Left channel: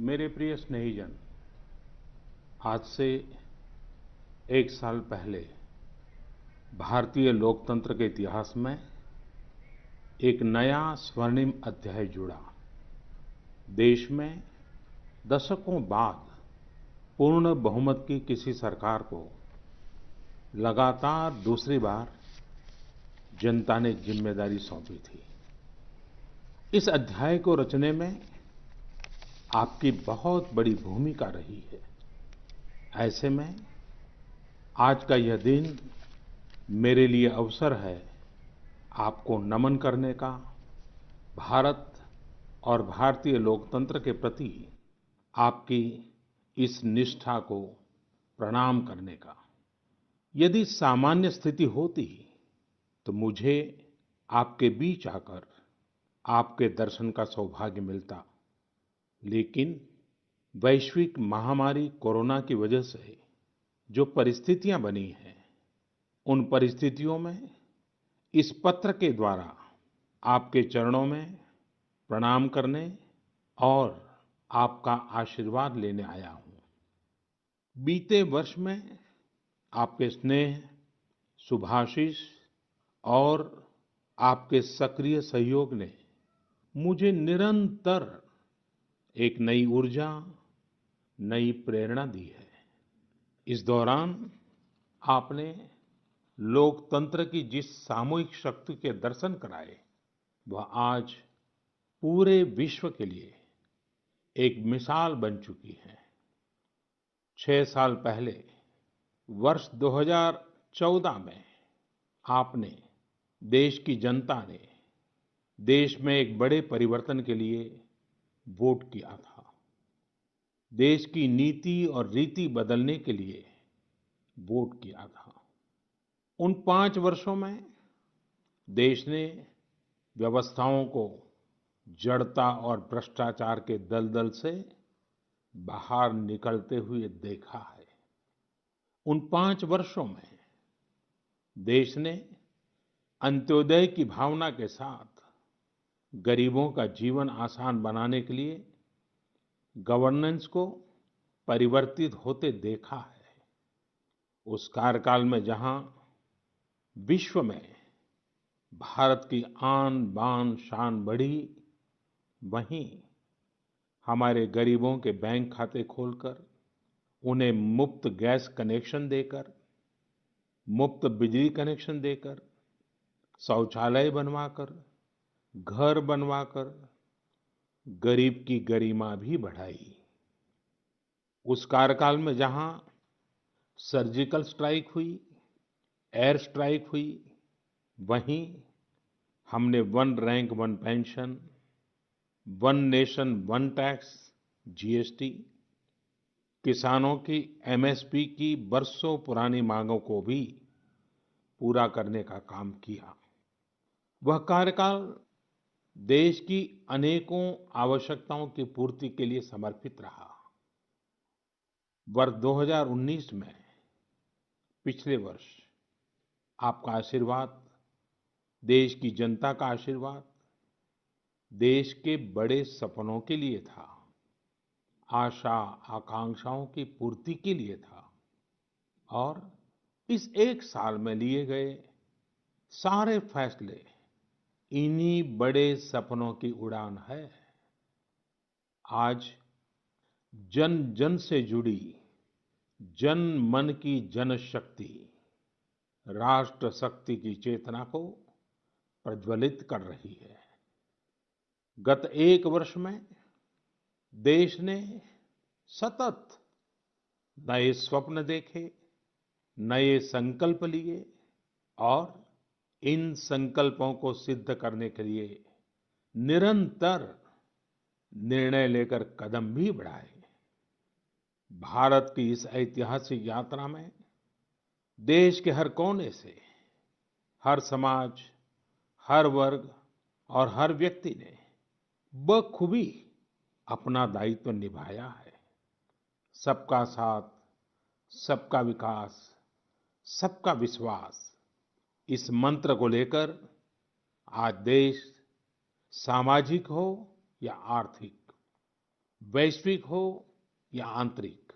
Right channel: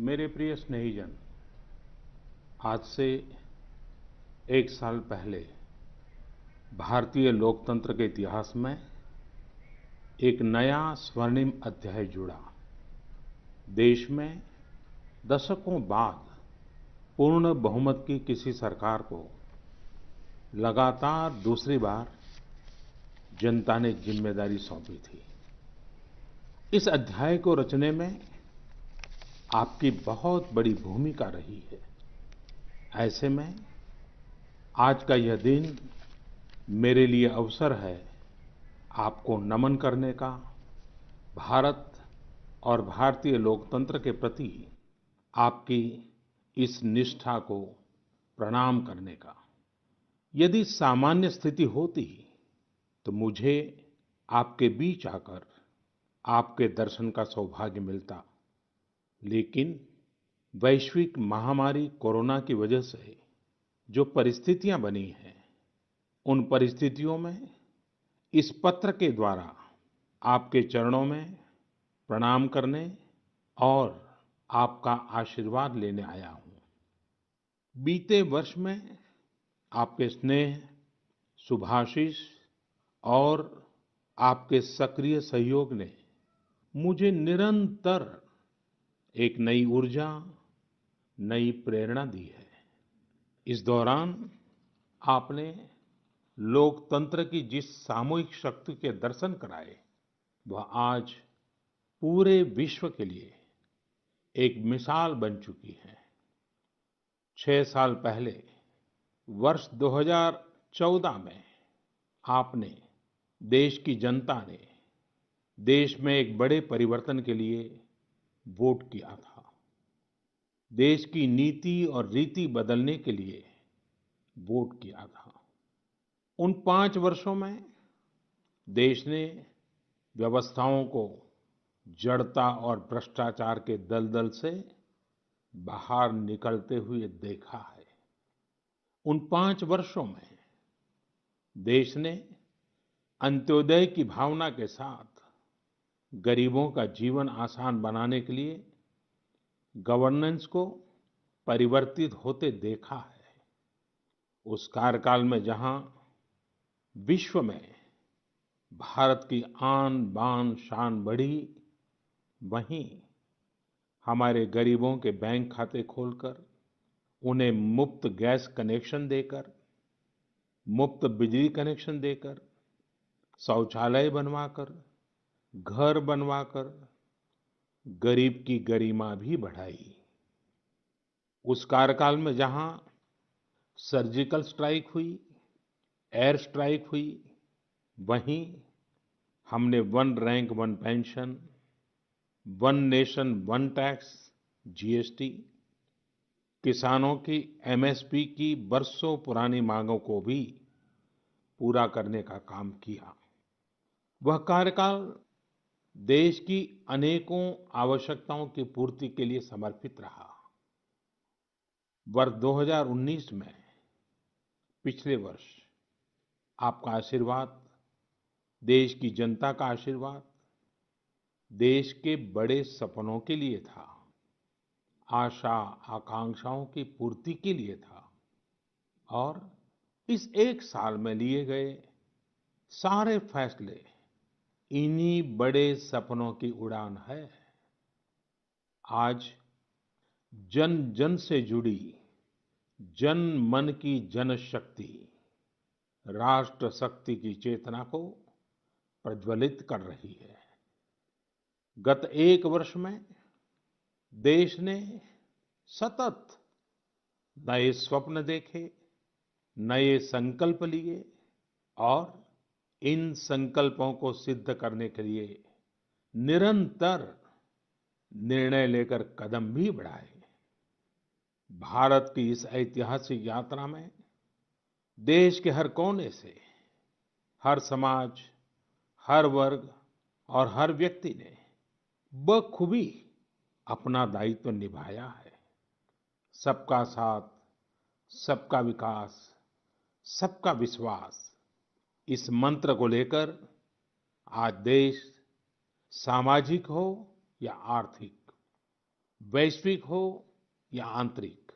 मेरे प्रिय स्नेहीजन, आज से एक साल पहले भारतीय लोकतंत्र के इतिहास में एक नया स्वर्णिम अध्याय जुड़ा। देश में दशकों बाद पूर्ण बहुमत की किसी सरकार को लगातार दूसरी बार जनता ने जिम्मेदारी सौंपी थी। इस अध्याय को रचने में आपकी बहुत बड़ी भूमिका रही है। ऐसे में आज का यह दिन मेरे लिए अवसर है आपको नमन करने का, भारत और भारतीय लोकतंत्र के प्रति आपकी इस निष्ठा को प्रणाम करने का। यदि सामान्य स्थिति होती तो मुझे आपके बीच आकर आपके दर्शन का सौभाग्य मिलता, लेकिन वैश्विक महामारी कोरोना की वजह से जो परिस्थितियां बनी हैं, उन परिस्थितियों में इस पत्र के द्वारा आपके चरणों में प्रणाम करने और आपका आशीर्वाद लेने आया हूं। बीते वर्ष में आपके स्नेह, शुभाशीष और आपके सक्रिय सहयोग ने मुझे निरंतर एक नई ऊर्जा, नई प्रेरणा दी है। इस दौरान आपने लोकतंत्र की जिस सामूहिक शक्ति के दर्शन कराए, वह आज पूरे विश्व के लिए एक मिसाल बन चुकी है। 6 साल पहले वर्ष 2014 में आपने, देश की जनता ने देश में एक बड़े परिवर्तन के लिए वोट किया था। देश की नीति और रीति बदलने के लिए वोट किया था। उन 5 वर्षों में देश ने व्यवस्थाओं को जड़ता और भ्रष्टाचार के दलदल से बाहर निकलते हुए देखा है। उन 5 वर्षों में देश ने अंत्योदय की भावना के साथ गरीबों का जीवन आसान बनाने के लिए गवर्नेंस को परिवर्तित होते देखा है। उस कार्यकाल में जहां विश्व में भारत की आन बान शान बढ़ी, वहीं हमारे गरीबों के बैंक खाते खोलकर, उन्हें मुफ्त गैस कनेक्शन देकर, मुफ्त बिजली कनेक्शन देकर, शौचालय बनवाकर, घर बनवाकर गरीब की गरिमा भी बढ़ाई। उस कार्यकाल में जहां सर्जिकल स्ट्राइक हुई, एयर स्ट्राइक हुई, वहीं हमने one rank one pension, one nation one tax, GST, किसानों की एमएसपी की बरसों पुरानी मांगों को भी पूरा करने का काम किया। वह कार्यकाल देश की अनेकों आवश्यकताओं की पूर्ति के लिए समर्पित रहा। वर्ष 2019 में, पिछले वर्ष, आपका आशीर्वाद, देश की जनता का आशीर्वाद, देश के बड़े सपनों के लिए था, आशा आकांक्षाओं की पूर्ति के लिए था। और इस एक साल में लिए गए सारे फैसले इन्हीं बड़े सपनों की उड़ान है। आज जन जन से जुड़ी जन मन की जनशक्ति राष्ट्र शक्ति की चेतना को प्रज्वलित कर रही है। गत एक वर्ष में देश ने सतत नए स्वप्न देखे, नए संकल्प लिए और इन संकल्पों को सिद्ध करने के लिए निरंतर निर्णय लेकर कदम भी बढ़ाए। भारत की इस ऐतिहासिक यात्रा में देश के हर कोने से, हर समाज, हर वर्ग और हर व्यक्ति ने बखूबी अपना दायित्व निभाया है। सबका साथ, सबका विकास, सबका विश्वास, इस मंत्र को लेकर आज देश, सामाजिक हो या आर्थिक, वैश्विक हो या आंतरिक,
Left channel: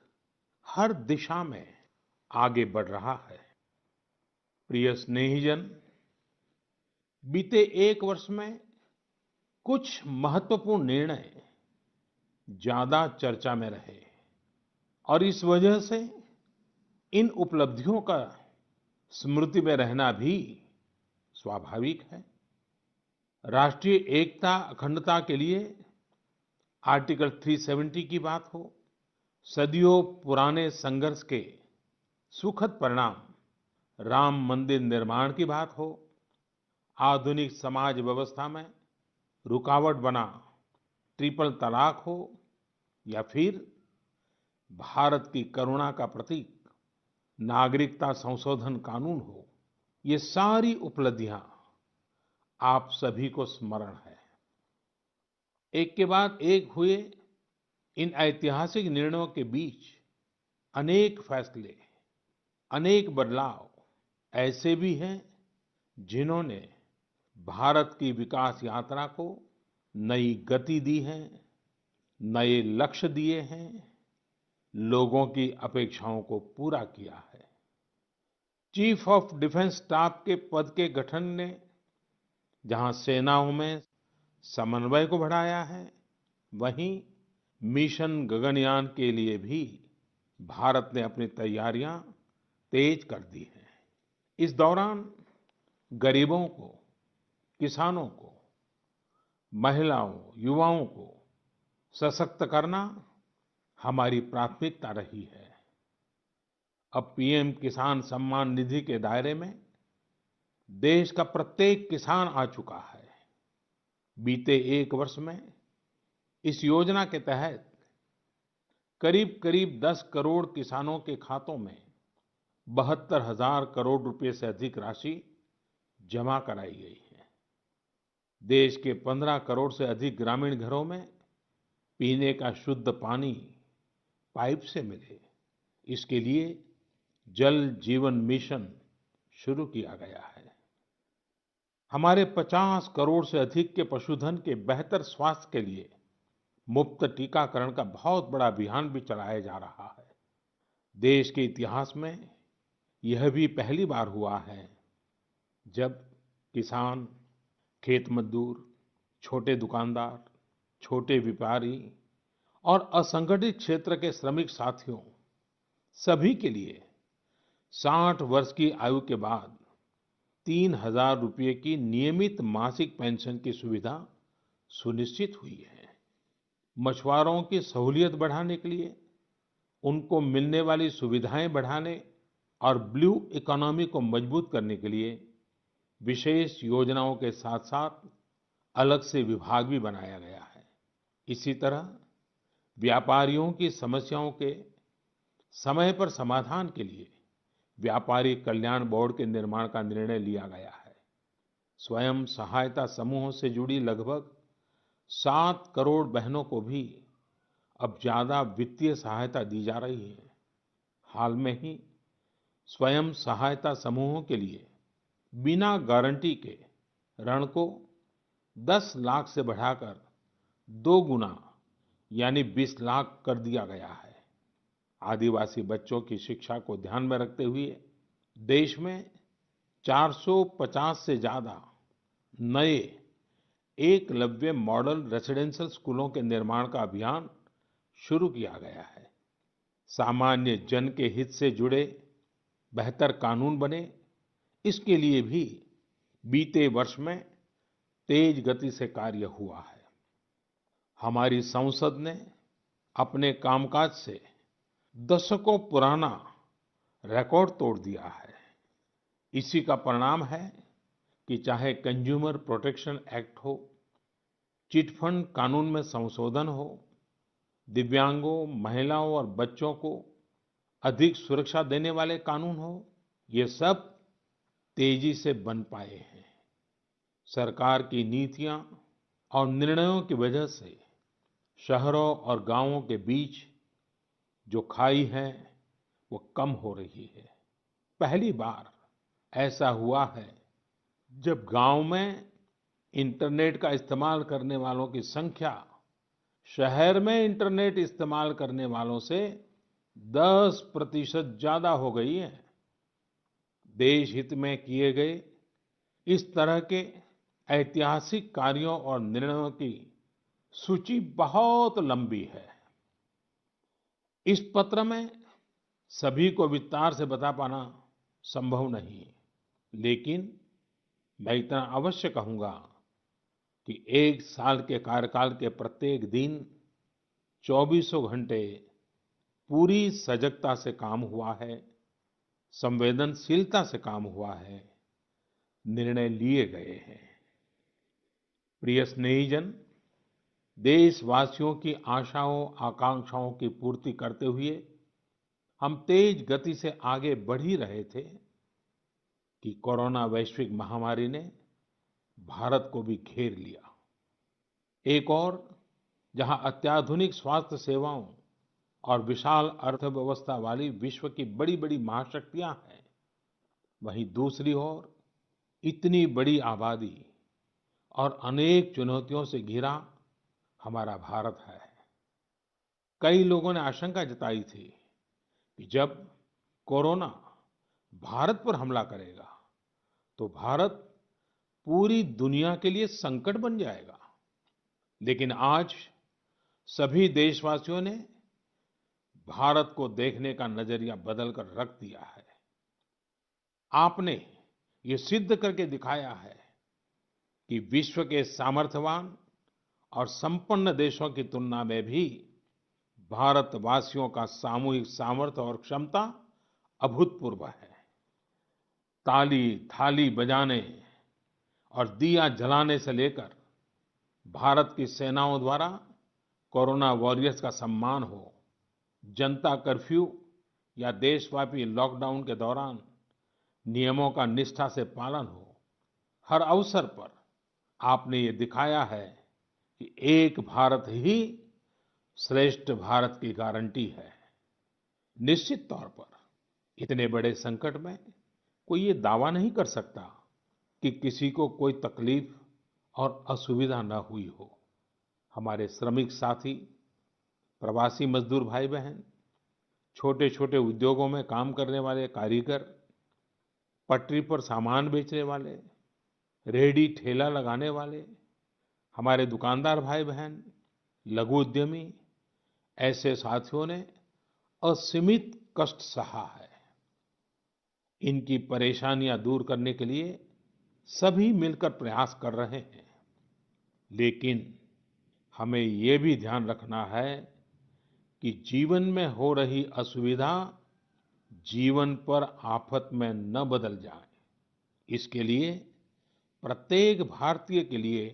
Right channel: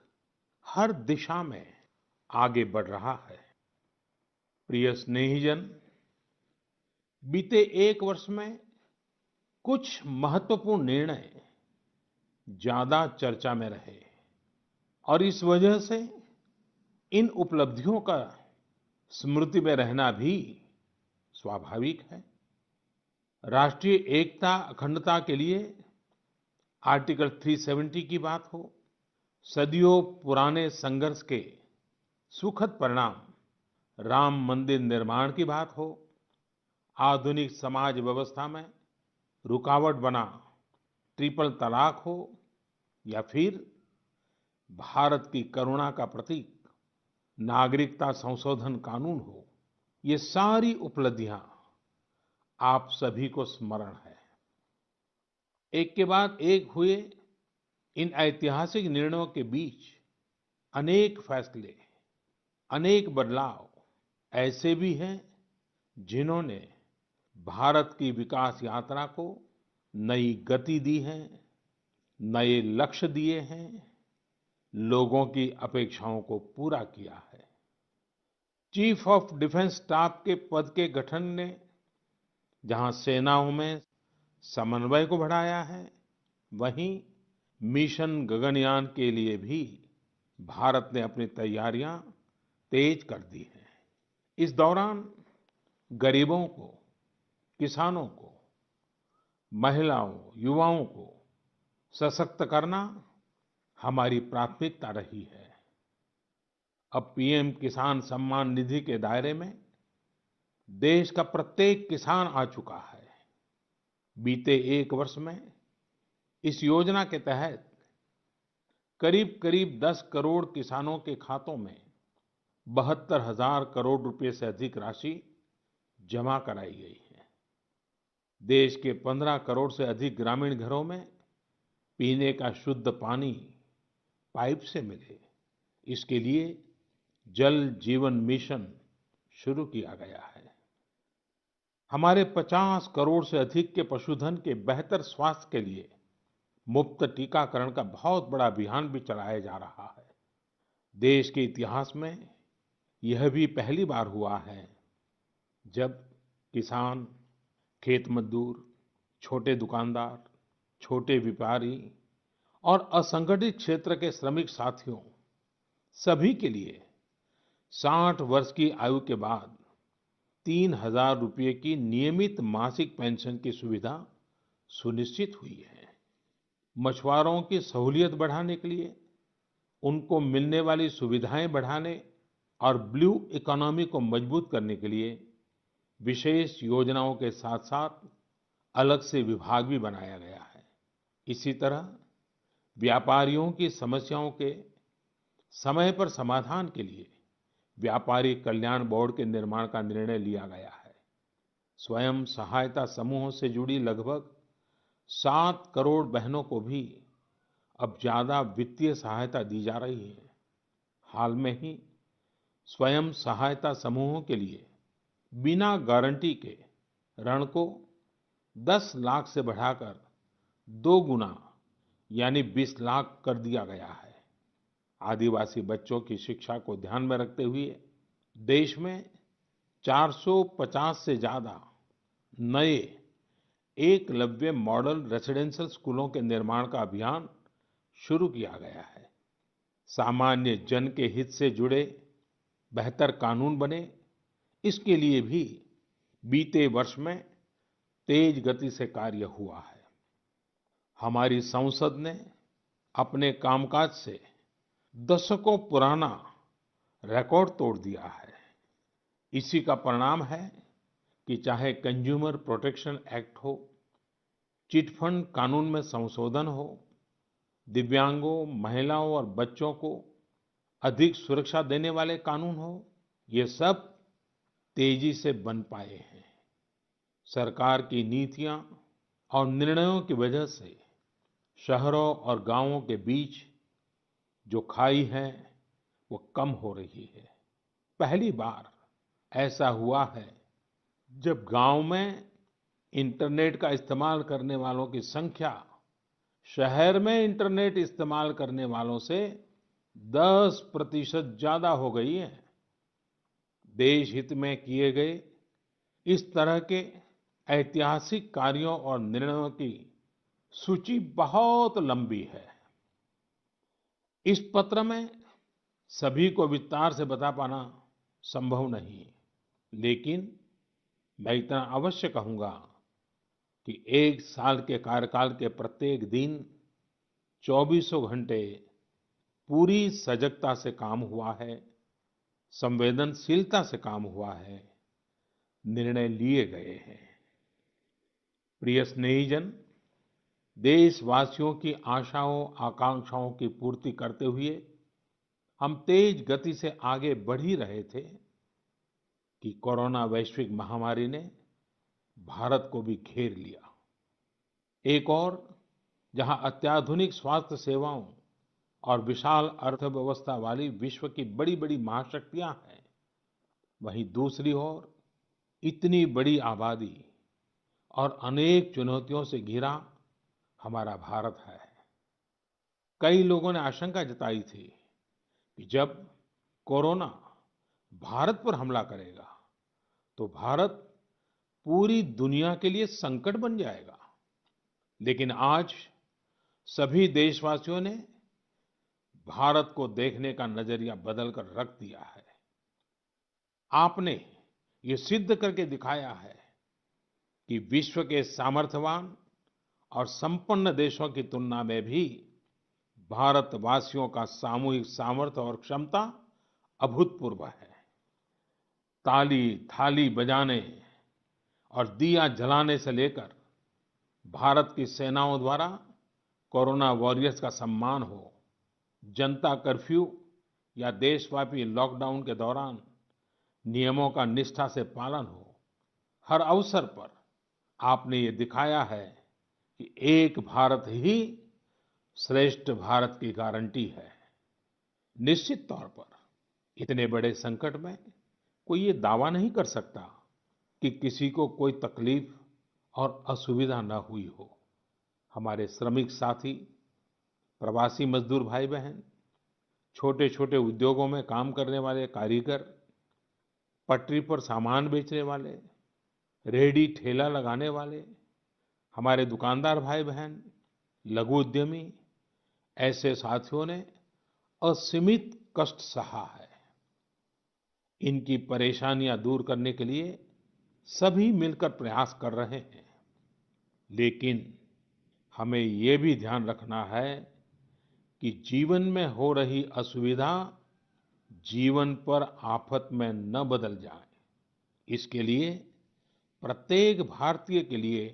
हर दिशा में आगे बढ़ रहा है। प्रिय स्नेहीजन, बीते एक वर्ष में कुछ महत्वपूर्ण निर्णय ज्यादा चर्चा में रहे और इस वजह से इन उपलब्धियों का स्मृति में रहना भी स्वाभाविक है। राष्ट्रीय एकता अखंडता के लिए आर्टिकल 370 की बात हो, सदियों पुराने संघर्ष के सुखद परिणाम राम मंदिर निर्माण की बात हो, आधुनिक समाज व्यवस्था में रुकावट बना ट्रिपल तलाक हो या फिर भारत की करुणा का प्रतीक नागरिकता संशोधन कानून हो, ये सारी उपलब्धियां आप सभी को स्मरण है। एक के बाद एक हुए इन ऐतिहासिक निर्णयों के बीच अनेक फैसले, अनेक बदलाव ऐसे भी हैं जिन्होंने भारत की विकास यात्रा को नई गति दी है, नए लक्ष्य दिए हैं, लोगों की अपेक्षाओं को पूरा किया है। चीफ ऑफ डिफेंस स्टाफ के पद के गठन ने जहां सेनाओं में समन्वय को बढ़ाया है, वहीं मिशन गगनयान के लिए भी भारत ने अपनी तैयारियां तेज कर दी हैं। इस दौरान गरीबों को, किसानों को, महिलाओं, युवाओं को सशक्त करना हमारी प्राथमिकता रही है। अब पीएम किसान सम्मान निधि के दायरे में देश का प्रत्येक किसान आ चुका है। बीते एक वर्ष में इस योजना के तहत करीब-करीब 10 करोड़ किसानों के खातों में 72,000 करोड़ रुपए से अधिक राशि जमा कराई गई है। देश के 15 करोड़ से अधिक ग्रामीण घरों में पीने का शुद्ध पानी पाइप से मिले, इसके लिए जल जीवन मिशन शुरू किया गया है। हमारे 50 करोड़ से अधिक के पशुधन के बेहतर स्वास्थ्य के लिए मुफ्त टीकाकरण का बहुत बड़ा अभियान भी चलाया जा रहा है। देश के इतिहास में यह भी पहली बार हुआ है जब किसान, खेत मजदूर, छोटे दुकानदार, छोटे व्यापारी और असंगठित क्षेत्र के श्रमिक साथियों सभी के लिए 60 वर्ष की आयु के बाद 3,000 रुपए की नियमित मासिक पेंशन की सुविधा सुनिश्चित हुई है। मछुआरों की सहूलियत बढ़ाने के लिए, उनको मिलने वाली सुविधाएं बढ़ाने और ब्लू इकोनॉमी को मजबूत करने के लिए विशेष योजनाओं के साथ-साथ अलग से विभाग भी बनाया गया है। इसी तरह व्यापारियों की समस्याओं के समय पर समाधान के लिए व्यापारी कल्याण बोर्ड के निर्माण का निर्णय लिया गया है। स्वयं सहायता समूहों से जुड़ी लगभग 7 करोड़ बहनों को भी अब ज्यादा वित्तीय सहायता दी जा रही है। हाल में ही स्वयं सहायता समूहों के लिए बिना गारंटी के ऋण को 10 लाख से बढ़ाकर 2 गुना यानी 20 लाख कर दिया गया है। आदिवासी बच्चों की शिक्षा को ध्यान में रखते हुए देश में 450 से ज्यादा नए एकलव्य मॉडल रेसिडेंशियल स्कूलों के निर्माण का अभियान शुरू किया गया है। सामान्य जन के हित से जुड़े बेहतर कानून बने, इसके लिए भी बीते वर्ष में तेज गति से कार्य हुआ है। हमारी संसद ने अपने कामकाज से दशकों पुराना रिकॉर्ड तोड़ दिया है। इसी का परिणाम है कि चाहे कंज्यूमर प्रोटेक्शन एक्ट हो, चिट फंड कानून में संशोधन हो, दिव्यांगों, महिलाओं और बच्चों को अधिक सुरक्षा देने वाले कानून हो, ये सब तेजी से बन पाए हैं। सरकार की नीतियां और निर्णयों की वजह से शहरों और गांवों के बीच जो खाई है, वो कम हो रही है। पहली बार ऐसा हुआ है जब गांव में इंटरनेट का इस्तेमाल करने वालों की संख्या शहर में इंटरनेट इस्तेमाल करने वालों से 10% ज्यादा हो गई है। देश हित में किए गए इस तरह के ऐतिहासिक कार्यों और निर्णयों की सूची बहुत लंबी है। इस पत्र में सभी को विस्तार से बता पाना संभव नहीं है, लेकिन मैं इतना अवश्य कहूंगा कि 1 साल के कार्यकाल के प्रत्येक दिन चौबीसों घंटे पूरी सजगता से काम हुआ है, संवेदनशीलता से काम हुआ है, निर्णय लिए गए हैं। प्रिय स्नेहीजन, देशवासियों की आशाओं आकांक्षाओं की पूर्ति करते हुए हम तेज गति से आगे बढ़ ही रहे थे कि कोरोना वैश्विक महामारी ने भारत को भी घेर लिया। एक और जहां अत्याधुनिक स्वास्थ्य सेवाओं और विशाल अर्थव्यवस्था वाली विश्व की बड़ी-बड़ी महाशक्तियां हैं, वहीं दूसरी ओर इतनी बड़ी आबादी और अनेक चुनौतियों से घिरा हमारा भारत है। कई लोगों ने आशंका जताई थी कि जब कोरोना भारत पर हमला करेगा तो भारत पूरी दुनिया के लिए संकट बन जाएगा। लेकिन आज सभी देशवासियों ने भारत को देखने का नजरिया बदलकर रख दिया है। आपने ये सिद्ध करके दिखाया है कि विश्व के सामर्थ्यवान और संपन्न देशों की तुलना में भी भारतवासियों का सामूहिक सामर्थ्य और क्षमता अभूतपूर्व है। ताली थाली बजाने और दिया जलाने से लेकर भारत की सेनाओं द्वारा कोरोना वॉरियर्स का सम्मान हो, जनता कर्फ्यू या देशव्यापी लॉकडाउन के दौरान नियमों का निष्ठा से पालन हो, हर अवसर पर आपने ये दिखाया है कि एक भारत ही श्रेष्ठ भारत की गारंटी है। निश्चित तौर पर इतने बड़े संकट में कोई ये दावा नहीं कर सकता कि किसी को कोई तकलीफ और असुविधा न हुई हो। हमारे श्रमिक साथी, प्रवासी मजदूर भाई बहन, छोटे-छोटे उद्योगों में काम करने वाले कारीगर, पटरी पर सामान बेचने वाले, रेहड़ी ठेला लगाने वाले, हमारे दुकानदार भाई बहन, लघु उद्यमी, ऐसे साथियों ने असीमित कष्ट सहा है। इनकी परेशानियां दूर करने के लिए सभी मिलकर प्रयास कर रहे हैं। लेकिन हमें ये भी ध्यान रखना है कि जीवन में हो रही असुविधा जीवन पर आफत में न बदल जाए। इसके लिए प्रत्येक भारतीय के लिए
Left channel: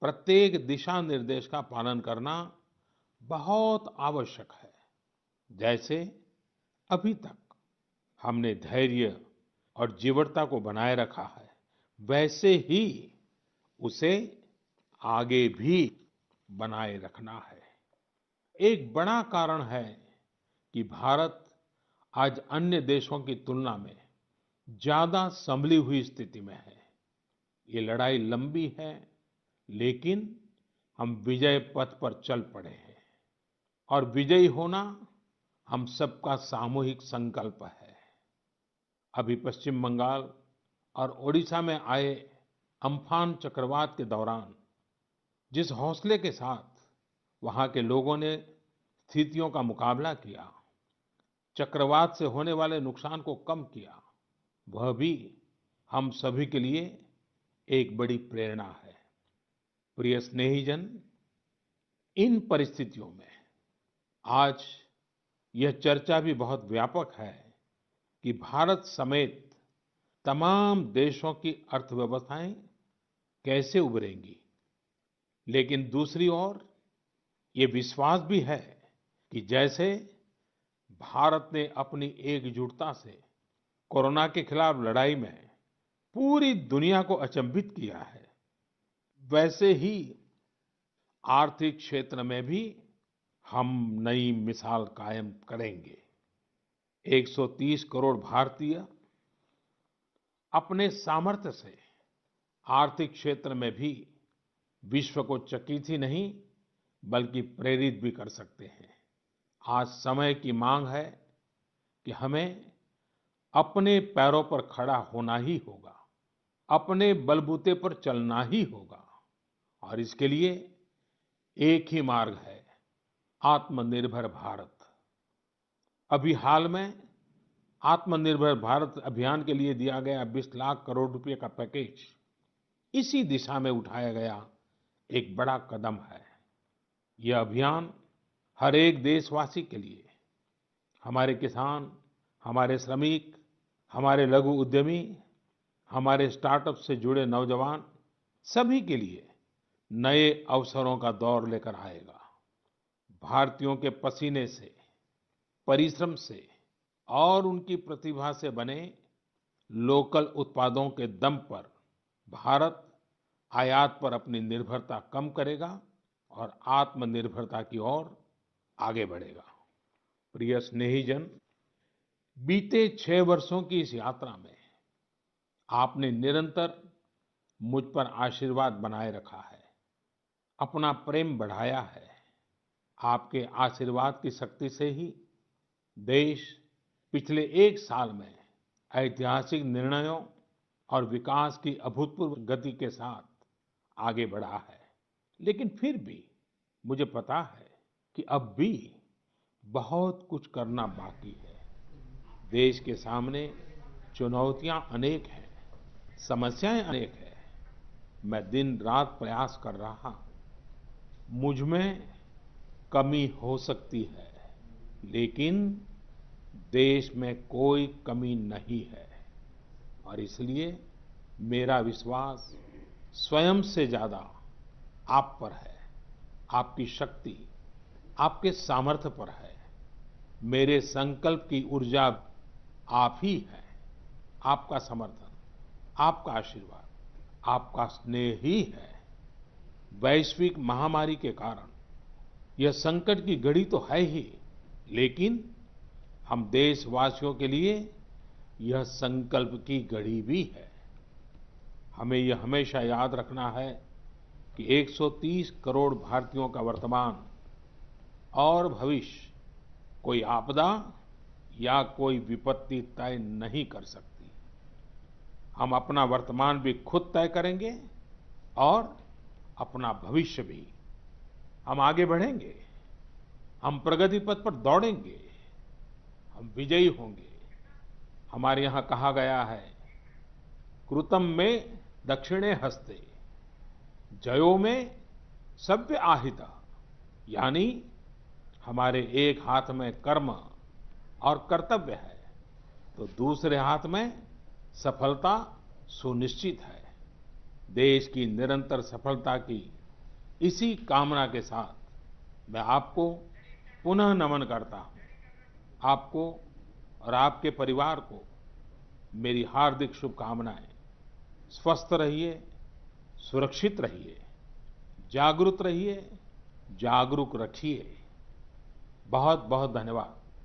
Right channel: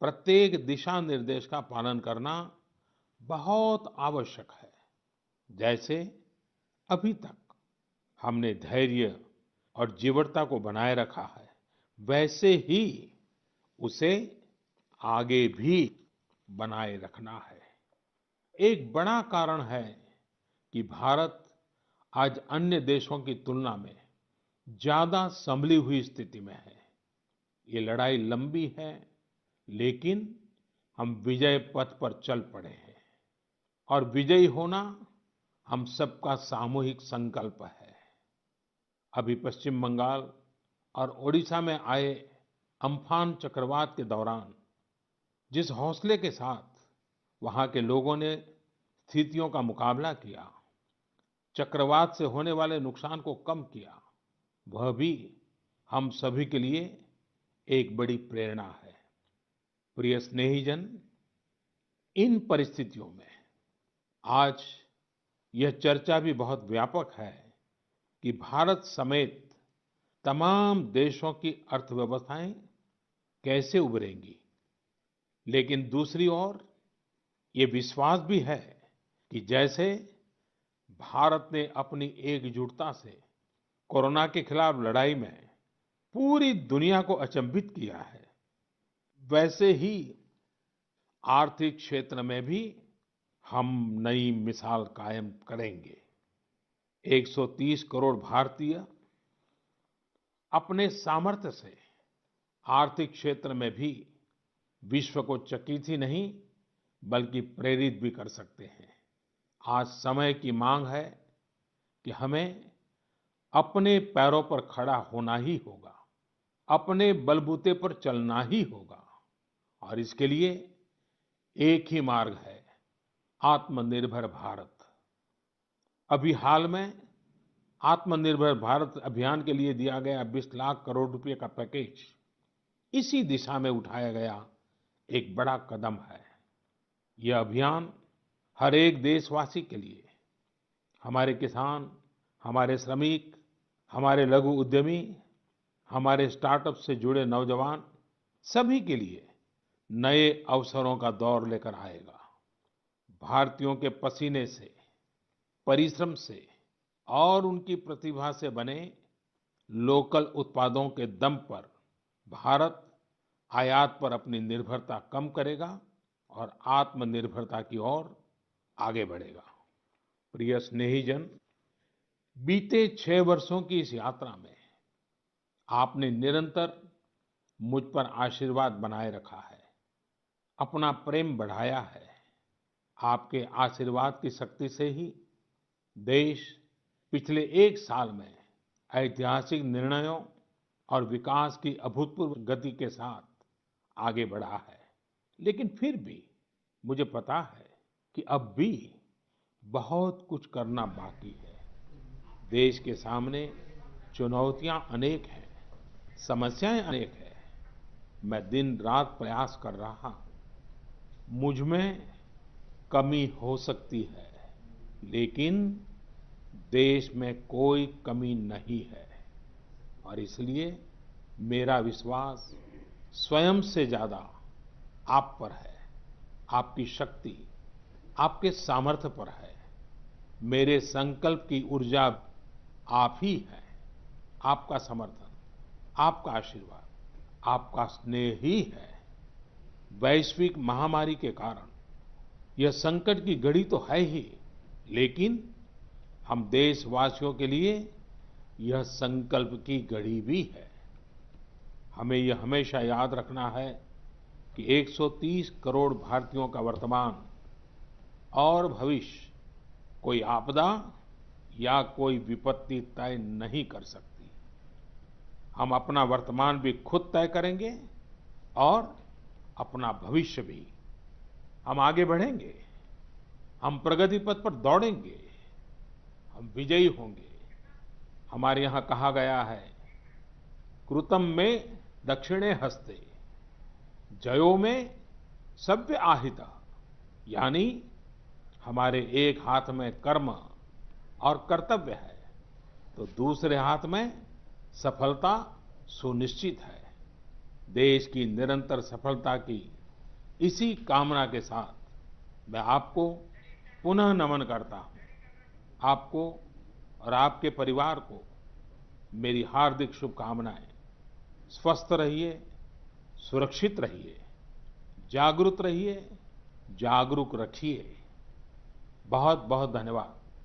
प्रत्येक दिशा निर्देश का पालन करना बहुत आवश्यक है। जैसे अभी तक हमने धैर्य और जीवटता को बनाए रखा है, वैसे ही उसे आगे भी बनाए रखना है। एक बड़ा कारण है कि भारत आज अन्य देशों की तुलना में ज्यादा संभली हुई स्थिति में है। ये लड़ाई लंबी है, लेकिन हम विजय पथ पर चल पड़े हैं और विजयी होना हम सबका सामूहिक संकल्प है। अभी पश्चिम बंगाल और ओडिशा में आए अम्फान चक्रवात के दौरान जिस हौसले के साथ वहां के लोगों ने स्थितियों का मुकाबला किया, चक्रवात से होने वाले नुकसान को कम किया, वह भी हम सभी के लिए एक बड़ी प्रेरणा है। प्रिय स्नेहीजन, इन परिस्थितियों में आज यह चर्चा भी बहुत व्यापक है कि भारत समेत तमाम देशों की अर्थव्यवस्थाएं कैसे उभरेंगी। लेकिन दूसरी ओर ये विश्वास भी है कि जैसे भारत ने अपनी एकजुटता से कोरोना के खिलाफ लड़ाई में पूरी दुनिया को अचंभित किया है, वैसे ही आर्थिक क्षेत्र में भी हम नई मिसाल कायम करेंगे। 130 करोड़ भारतीय अपने सामर्थ्य से आर्थिक क्षेत्र में भी विश्व को चकित ही नहीं बल्कि प्रेरित भी कर सकते हैं। आज समय की मांग है कि हमें अपने पैरों पर खड़ा होना ही होगा, अपने बलबूते पर चलना ही होगा और इसके लिए एक ही मार्ग है, आत्मनिर्भर भारत। अभी हाल में आत्मनिर्भर भारत अभियान के लिए दिया गया 20 लाख करोड़ रुपए का पैकेज इसी दिशा में उठाया गया एक बड़ा कदम है। यह अभियान हर एक देशवासी के लिए, हमारे किसान, हमारे श्रमिक, हमारे लघु उद्यमी, हमारे स्टार्टअप से जुड़े नौजवान, सभी के लिए नए अवसरों का दौर लेकर आएगा। भारतीयों के पसीने से, परिश्रम से और उनकी प्रतिभा से बने लोकल उत्पादों के दम पर भारत आयात पर अपनी निर्भरता कम करेगा और आत्मनिर्भरता की ओर आगे बढ़ेगा। प्रिय स्नेहीजन, बीते 6 वर्षों की इस यात्रा में आपने निरंतर मुझ पर आशीर्वाद बनाए रखा है, अपना प्रेम बढ़ाया है। आपके आशीर्वाद की शक्ति से ही देश पिछले 1 साल में ऐतिहासिक निर्णयों और विकास की अभूतपूर्व गति के साथ आगे बढ़ा है। लेकिन फिर भी मुझे पता है कि अब भी बहुत कुछ करना बाकी है। देश के सामने चुनौतियां अनेक हैं, समस्याएं अनेक हैं। मैं दिन रात प्रयास कर रहा हूं। मुझ में कमी हो सकती है, लेकिन देश में कोई कमी नहीं है और इसलिए मेरा विश्वास स्वयं से ज्यादा आप पर है, आपकी शक्ति, आपके सामर्थ्य पर है। मेरे संकल्प की ऊर्जा आप ही है, आपका समर्थन, आपका आशीर्वाद, आपका स्नेह ही है। वैश्विक महामारी के कारण यह संकट की घड़ी तो है ही, लेकिन हम देशवासियों के लिए यह संकल्प की घड़ी भी है। हमें यह हमेशा याद रखना है कि 130 करोड़ भारतीयों का वर्तमान और भविष्य कोई आपदा या कोई विपत्ति तय नहीं कर सकती। हम अपना वर्तमान भी खुद तय करेंगे और अपना भविष्य भी। हम आगे बढ़ेंगे, हम प्रगति पथ पर दौड़ेंगे, हम विजयी होंगे। हमारे यहाँ कहा गया है, कृतम में दक्षिणे हस्ते, जयो में सव्य आहिता। यानी हमारे एक हाथ में कर्म और कर्तव्य है तो दूसरे हाथ में सफलता सुनिश्चित है। देश की निरंतर सफलता की इसी कामना के साथ मैं आपको पुनः नमन करता हूं। आपको और आपके परिवार को मेरी हार्दिक शुभकामनाएं। स्वस्थ रहिए, सुरक्षित रहिए, जागरूक रहिए, जागरूक रखिए। बहुत बहुत धन्यवाद।